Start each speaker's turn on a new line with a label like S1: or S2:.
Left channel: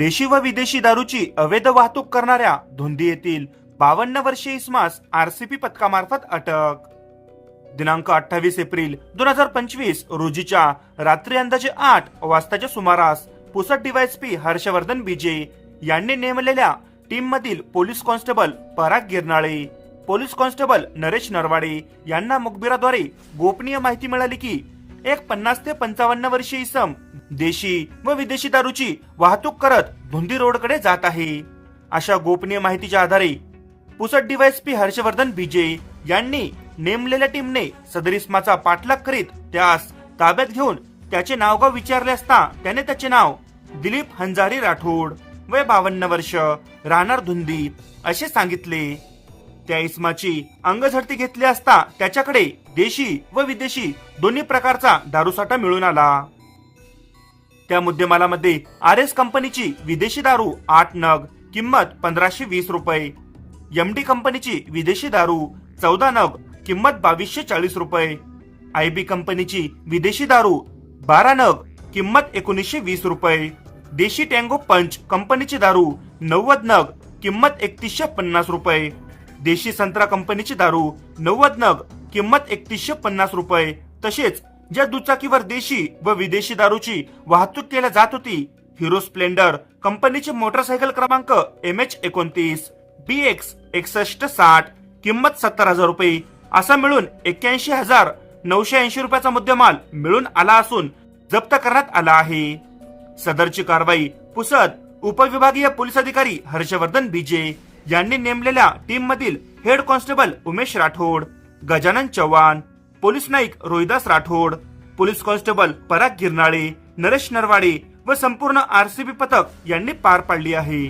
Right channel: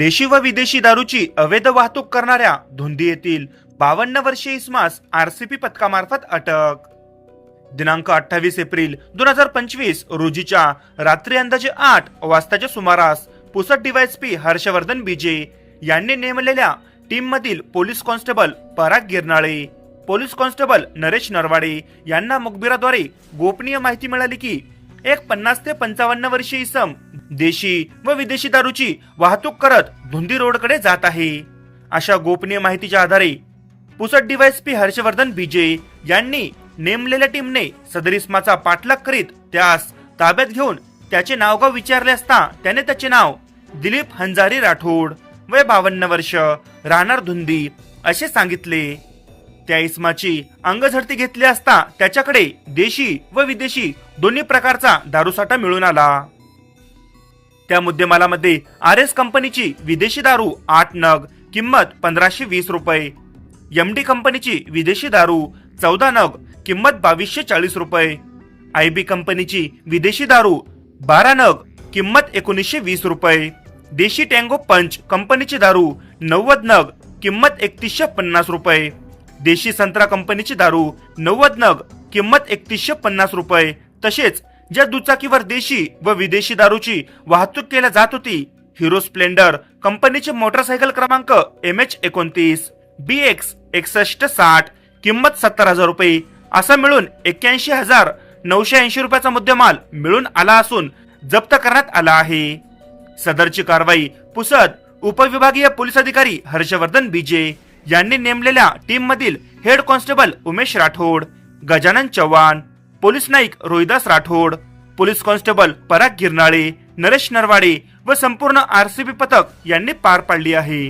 S1: देशी व विदेशी दारूची अवैध वाहतूक करणाऱ्या धुंदी येथील बावन्न वर्षीय इस्मास आरसीपी पथकामार्फत अटक. दिनांक अठ्ठावीस एप्रिल दोन हजार पंचवीस रोजीच्या रात्री अंदाजे आठ वाजताच्या सुमारास पुसद डीवायएसपी हर्षवर्धन बीजे यांनी नेमलेल्या टीम मधील police constable Parag Girnale police constable Naresh Narwade यांना मुखबिराद्वारे गोपनीय माहिती मिळाली की एक पन्नास ते पंचावन्न वर्षीय इसम देशी व विदेशी दारूची वाहतूक करत धुंदी रोडकडे जात आहे. अशा गोपनीय माहितीच्या आधारे पुसट डीवायएसपी हर्षवर्धन बीजे यांनी नेमलेल्या टीमने सदर इसमाचा पाठलाग करीत त्यास ताब्यात घेऊन त्याचे नावगाव विचारले असता त्याने त्याचे नाव दिलीप हंजारी राठोड वय बावन्न वर्ष राहणार धुंदी असे सांगितले. त्या इस्माची अंगझडती घेतली असता त्याच्याकडे देशी व विदेशी दोन्ही प्रकारचा दारूसाठा मिळून आला. त्या मुद्देमालामध्ये आर एस कंपनीची विदेशी दारू आठ नग किंमत पंधराशे वीस रुपये. एम डी कंपनीची विदेशी दारू चौदा नग किंमत बावीसशे चाळीस रुपये. आय बी कंपनीची विदेशी दारू बारा नग किंमत एकोणीसशे वीस रुपये. देशी टँगो पंच कंपनीची दारू नव्वद नग किंमत एकतीसशे पन्नास रुपये. देशी संत्रा कंपनीची दारू नव्वद नग किंमत एकतीसशे पन्नास रुपये. तसेच ज्या दुचाकीवर देशी व विदेशी दारूची वाहतूक केल्या जात होती हिरो स्प्लेंडर कंपनीचे मोटरसायकल क्रमांक एम एच एकोणतीस. बी एक्स एकसष्ट साठ किंमत सत्तर हजार रुपये. असा मिळून एक्क्याऐंशी हजार नऊशे ऐंशी रुपयाचा मुद्देमाल मिळून आला असून जप्त करण्यात आला आहे. सदरची कारवाई पुसद उपविभागीय पोलीस अधिकारी हर्षवर्धन बीजे. यांनी नेमलेल्या टीम मधील head constable Umesh Rathod Gajanan Chavan police Naik Rohidas Rathod police constable Parag Girnale Naresh Narwade व संपूर्ण आरसीबी पथक यांनी पार पाडली आहे.